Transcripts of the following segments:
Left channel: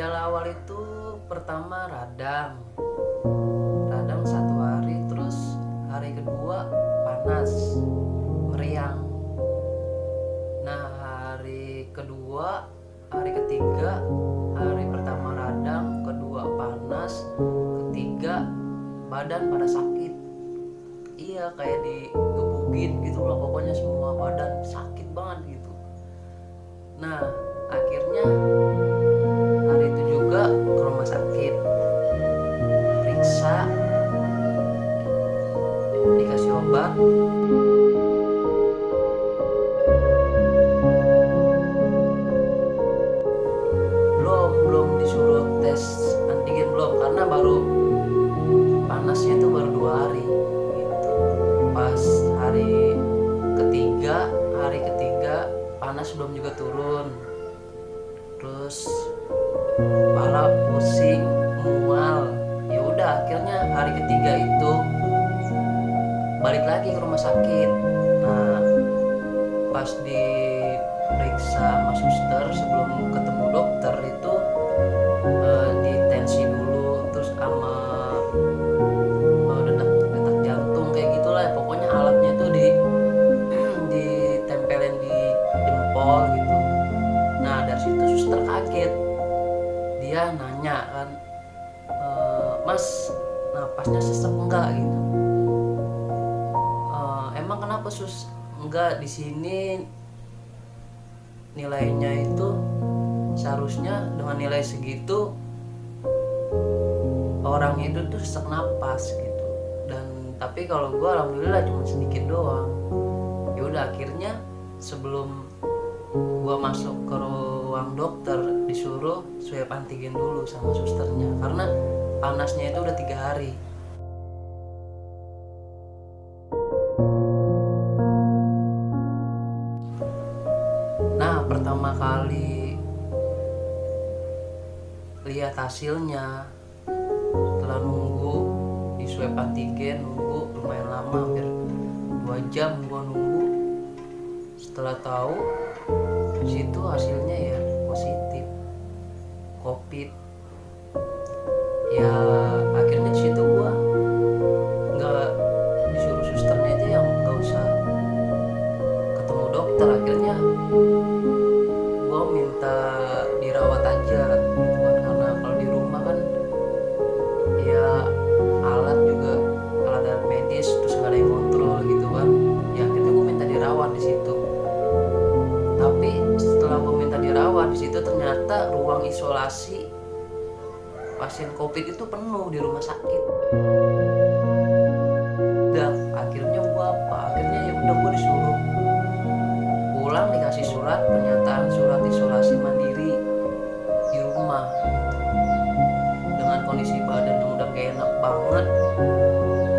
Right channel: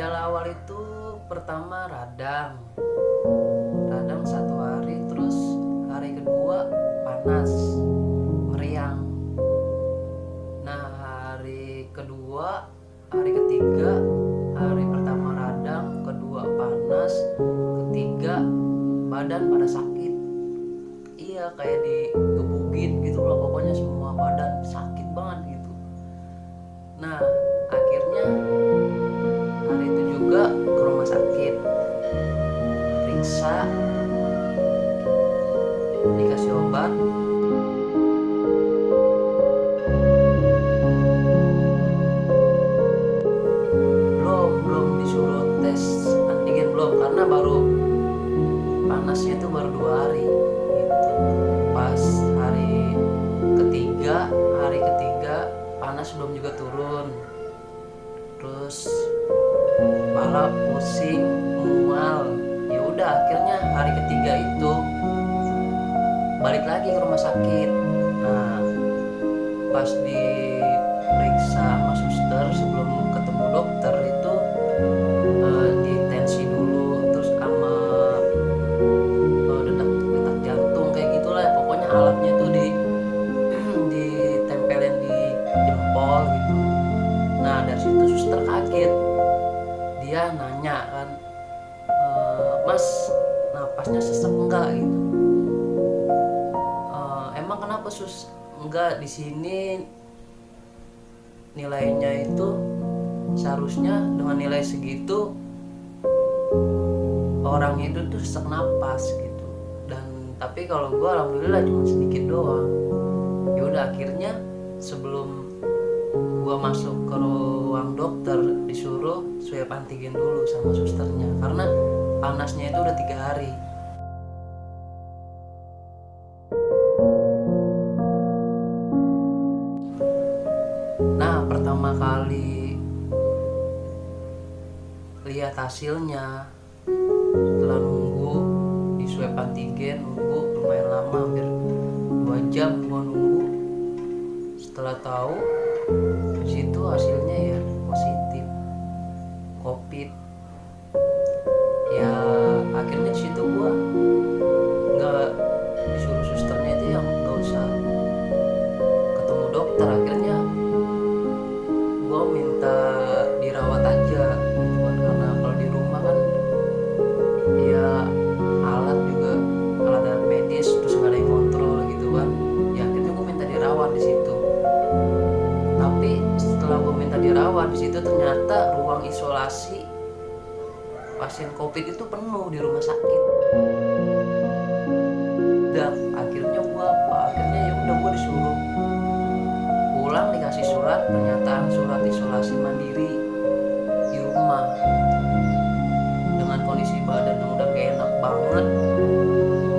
Gejala awal itu pertama radang 1 hari, terus hari kedua panas, meriang. Nah hari ketiga, hari pertama radang, kedua panas, ketiga badan pada sakit. Iya, kayak digebukin gitu loh, pokoknya semua badan sakit banget gitu. Nah akhirnya hari itu juga ke rumah sakit, periksa, dikasih obat. Belum disuruh tes antigen, belum, karena baru panasnya itu baru 2 hari gitu. Pas hari ketiga panas belum juga turun, terus kepala pusing, mual. Ya udah, akhirnya hari ketiga itu balik lagi ke rumah sakit. Nah pas diperiksa sama suster sebelum ketemu dokter itu di tensi dulu, terus sama detak jantung kayak gitulah, pokoknya alatnya tuh ditempelin di jempol gitu. Nah dari situ suster kaget, dia nanya kan, Mas napasnya sesek enggak gitu. Emang kenapa sus? Enggak, di sini nilainya itu seharusnya dengan nilai segitu orang itu tuh sesak napas gitu. Dan tapi kalau gue alhamdulillah cuma sedikit doang. Ya udah, akhirnya sebelum gue masuk ke ruang dokter disuruh swab antigen dulu sama susternya, karena panasnya itu udah 3 hari. Nah pertama kali lihat hasilnya, setelah nunggu di swab antigen, nunggu lumayan lama, hampir 2 jam gua nunggu. Setelah tahu situ hasilnya ya positif COVID. Ya akhirnya di situ gua nggak disuruh susternya itu yang nggak usah ketemu dokter, akhirnya gua minta dirawat aja gitu kan, karena kalau di rumah kan ya alat medis terus nggak ada yang kontrol gitu kan. Ya akhirnya gue minta dirawat di situ. Tapi setelah gue minta dirawat di situ, ternyata ruang isolasi pasien COVID itu penuh di rumah sakit. Udah akhirnya ya udah gue disuruh pulang, dikasih pernyataan surat isolasi mandiri di rumah gitu. Dengan kondisi badan yang udah gak enak banget,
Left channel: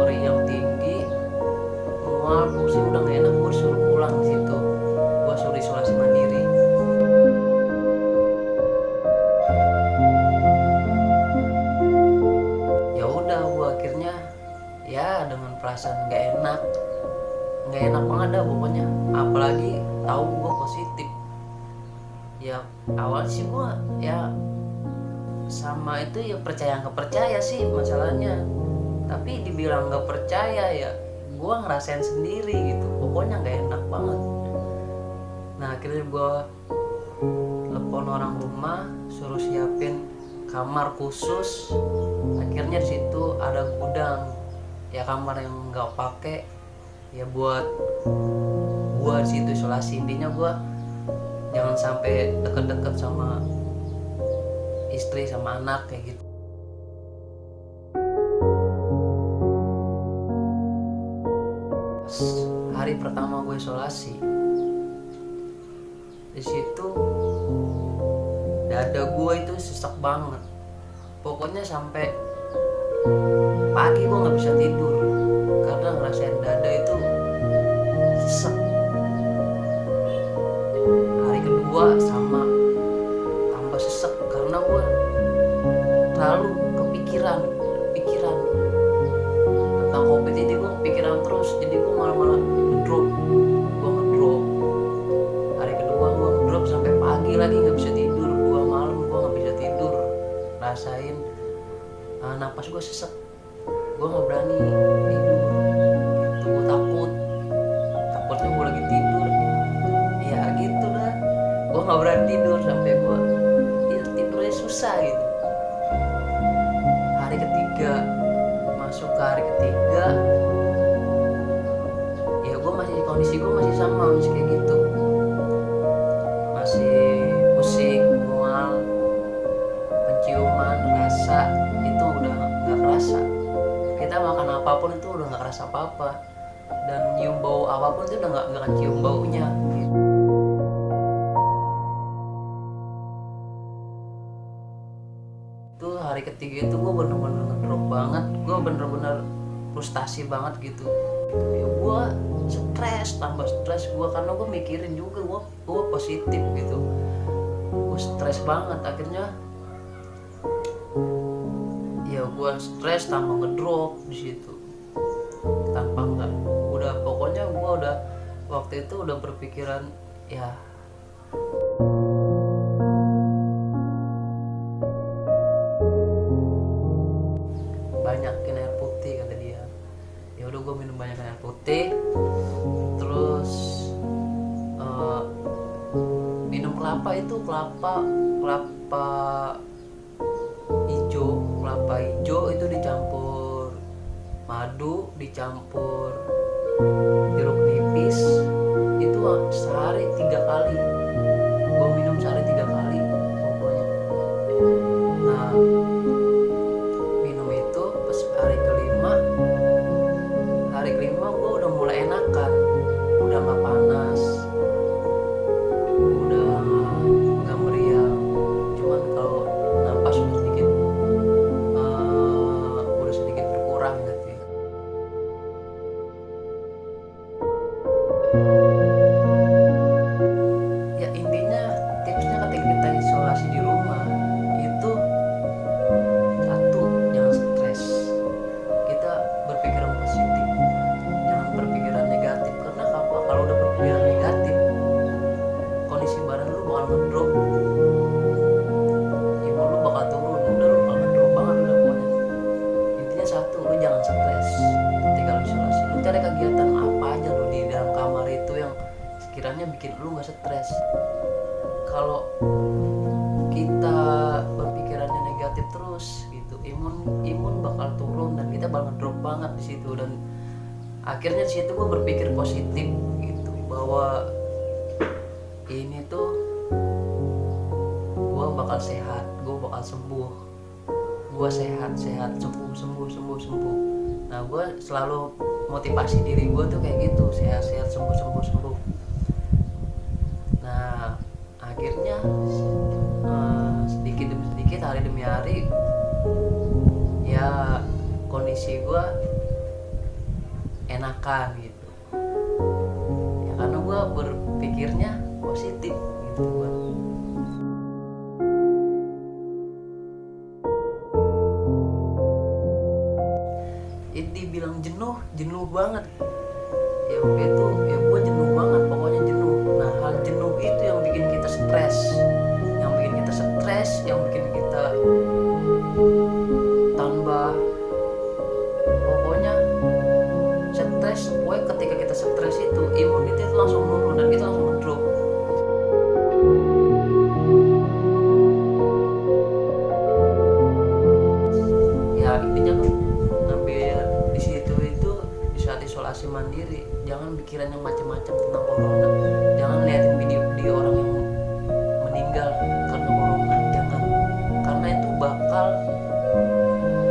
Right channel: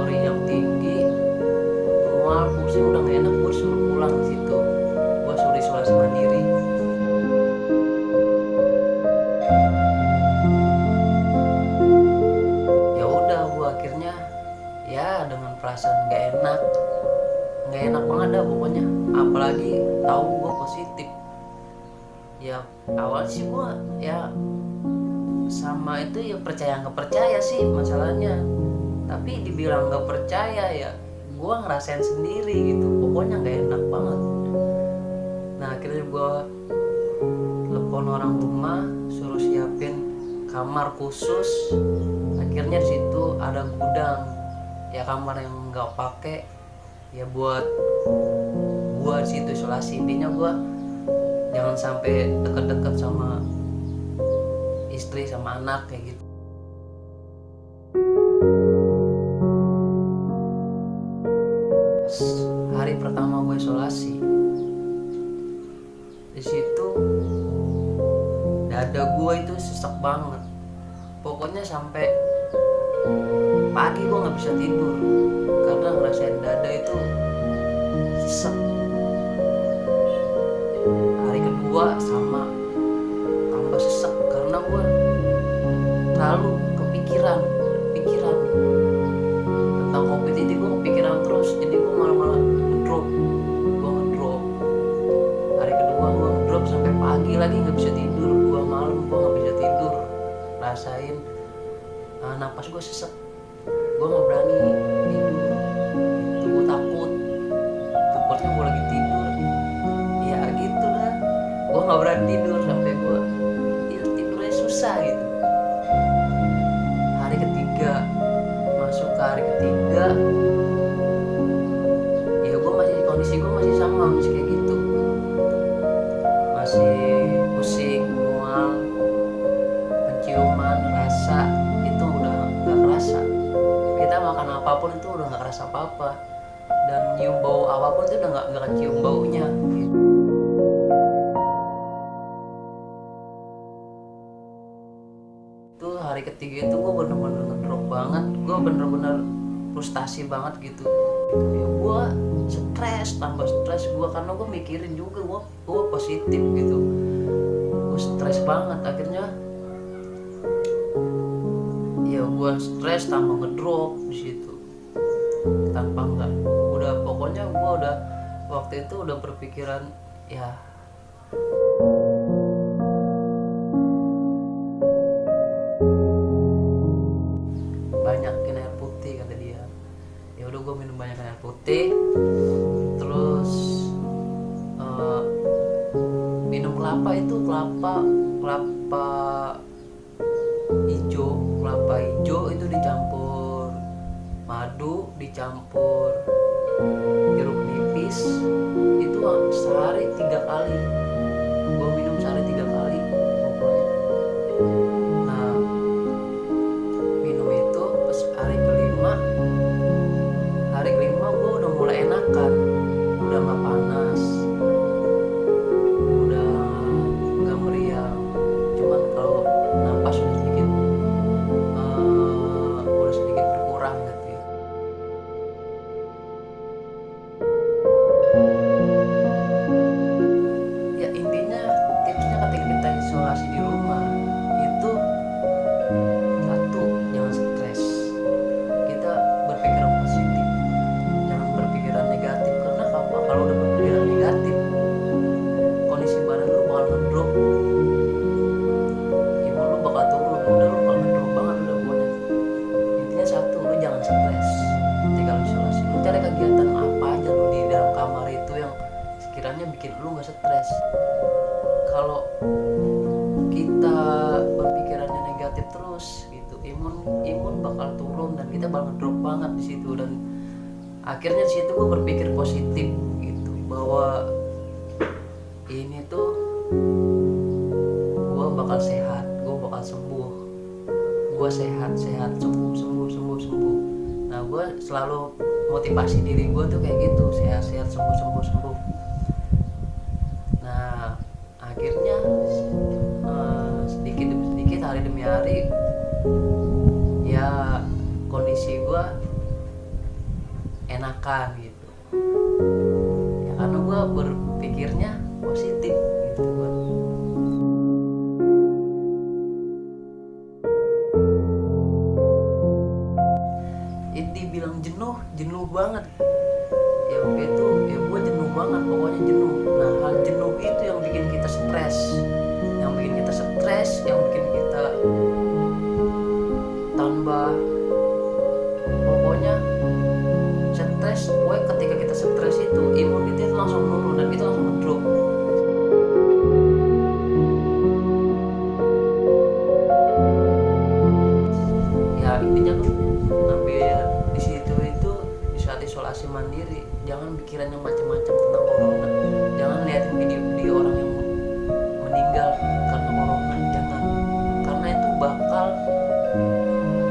meriang tinggi, mual, pusing, udah gak enak, gue suruh pulang di situ. Gue suruh isolasi mandiri. Ya udah, gue akhirnya ya dengan perasaan gak enak banget dah pokoknya, apalagi tahu gue positif. Ya awal sih gue ya sama itu ya percaya nggak percaya sih masalahnya, tapi dibilang nggak percaya ya gue ngerasain sendiri gitu, pokoknya nggak enak banget. Nah akhirnya gue telepon orang rumah, suruh siapin kamar khusus. Akhirnya di situ ada gudang, ya kamar yang nggak pakai ya buat gue di situ isolasi. Intinya gue jangan sampai deket-deket sama istri sama anak kayak gitu. Hari pertama gue isolasi, di situ dada gue itu sesak banget, pokoknya sampai pagi gue nggak bisa tidur karena ngerasain dada itu sesek. Hari kedua sama, tambah sesek karena gue terlalu kepikiran tentang COVID ini. Gue kepikiran terus, jadi gue malah ngedrop. Hari kedua gue ngedrop sampai pagi lagi nggak bisa tidur, 2 malam gue nggak bisa tidur. ngerasain napas gue sesek, gue nggak berani tidur gitu, gue takutnya gue lagi tidur ya gitu dah, gue nggak berani tidur sampai gue tidurnya susah gitu. Hari ketiga, masuk ke hari ketiga, ya gue kondisi gue masih sama, masih kayak gitu, masih pusing, mual, penciuman, rasa itu udah nggak kerasa. Kita makan apapun itu udah nggak kerasa apa-apa, dan nyium bau apapun itu udah nggak kecium baunya gitu. Itu hari ketiga itu gue bener-bener ngedrop banget, gue bener-bener frustasi banget gitu. Ya gue stres, tambah stres gue karena gue mikirin juga gue positif gitu. Gue stres banget, akhirnya ya gue stres tambah ngedrop di situ. Tanpa enggak, udah pokoknya gue udah waktu itu udah berpikiran ya banyakin air putih kata dia. Ya udah gue minum banyak air putih, terus minum kelapa hijau itu dicampur madu, dicampur jeruk nipis, itu sehari 3 kali gue minum, sehari 3 kali pokoknya. Nah minum itu pas hari kelima gue udah mulai enakan, udah nggak panas, udah nggak meriang, cuman kalau napas udah sedikit berkurang gitu ya. Ya intinya tipsnya ketika kita isolasi di rumah itu satu, jangan stres, kita berpikiran positif, jangan berpikiran negatif. Karena kalau udah berpikiran negatif, kondisi badan lu bakal ngedrop, imun lu bakal turun, udah lu bakal ngedrop banget udah pokoknya. Intinya satu, lu jangan stres ketika lu isolasi. Lu cari kegiatan apa aja lu di dalam kamar itu yang sekiranya bikin lu gak stres. Kalau kita berpikirannya negatif terus gitu, imun bakal turun dan kita bakal ngedrop banget di situ. Dan akhirnya di situ gue berpikir positif gitu, bahwa ini tuh gue bakal sehat, gue bakal sembuh, gue sehat sembuh. Nah gue selalu motivasi diri gue tuh kayak gitu, sehat sembuh. Nah akhirnya sedikit demi sedikit, hari demi hari, ya kondisi gue enakan gitu ya, karena gue berpikirnya positif gitu gue. Dibilang jenuh banget ya, waktu itu ya gue jenuh banget, pokoknya jenuh. Nah hal jenuh itu yang bikin kita stres, yang bikin kita tambah, pokoknya stres. Pokoknya ketika kita stres itu imun kita itu langsung turun dan kita langsung ngedrop. Ya intinya lu ngambil di situ itu, di saat isolasi mandiri, jangan pikiran yang macam-macam tentang corona, jangan liatin video-video orang yang meninggal karena corona, jangan, karena itu bakal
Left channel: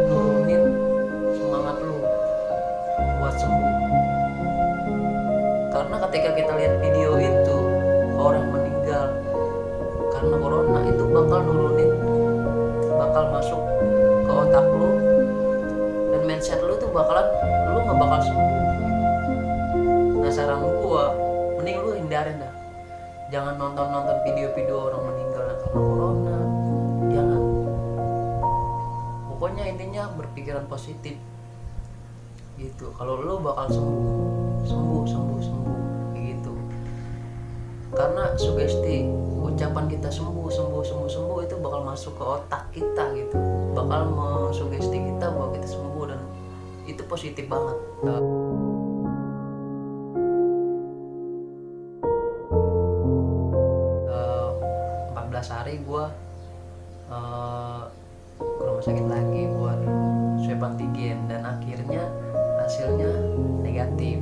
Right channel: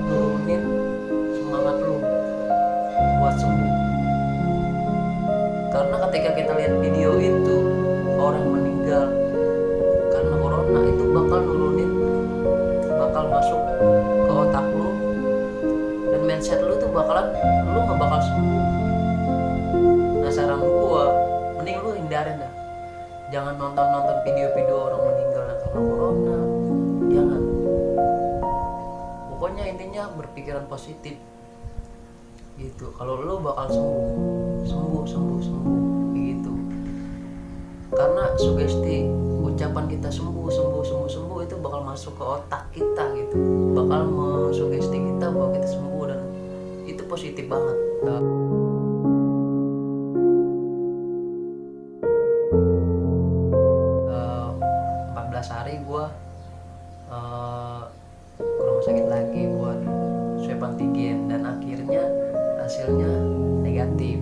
nurunin semangat lu buat sembuh. Karena ketika kita lihat video itu orang meninggal karena corona, itu bakal masuk ke otak lu, dan mindset lu tuh lu nggak bakal sembuh gitu. Nah saran gua, mending lu hindarin dah, jangan nonton video-video orang meninggal karena corona, jangan. Pokoknya intinya berpikiran positif gitu, kalau lu bakal sembuh gitu. Karena sugesti ucapan kita sembuh itu bakal masuk ke otak kita gitu. itu bakal mensugesti kita bahwa kita sembuh, dan itu positif banget. 14 hari gue ke rumah sakit lagi buat swab antigen, dan akhirnya hasilnya negatif.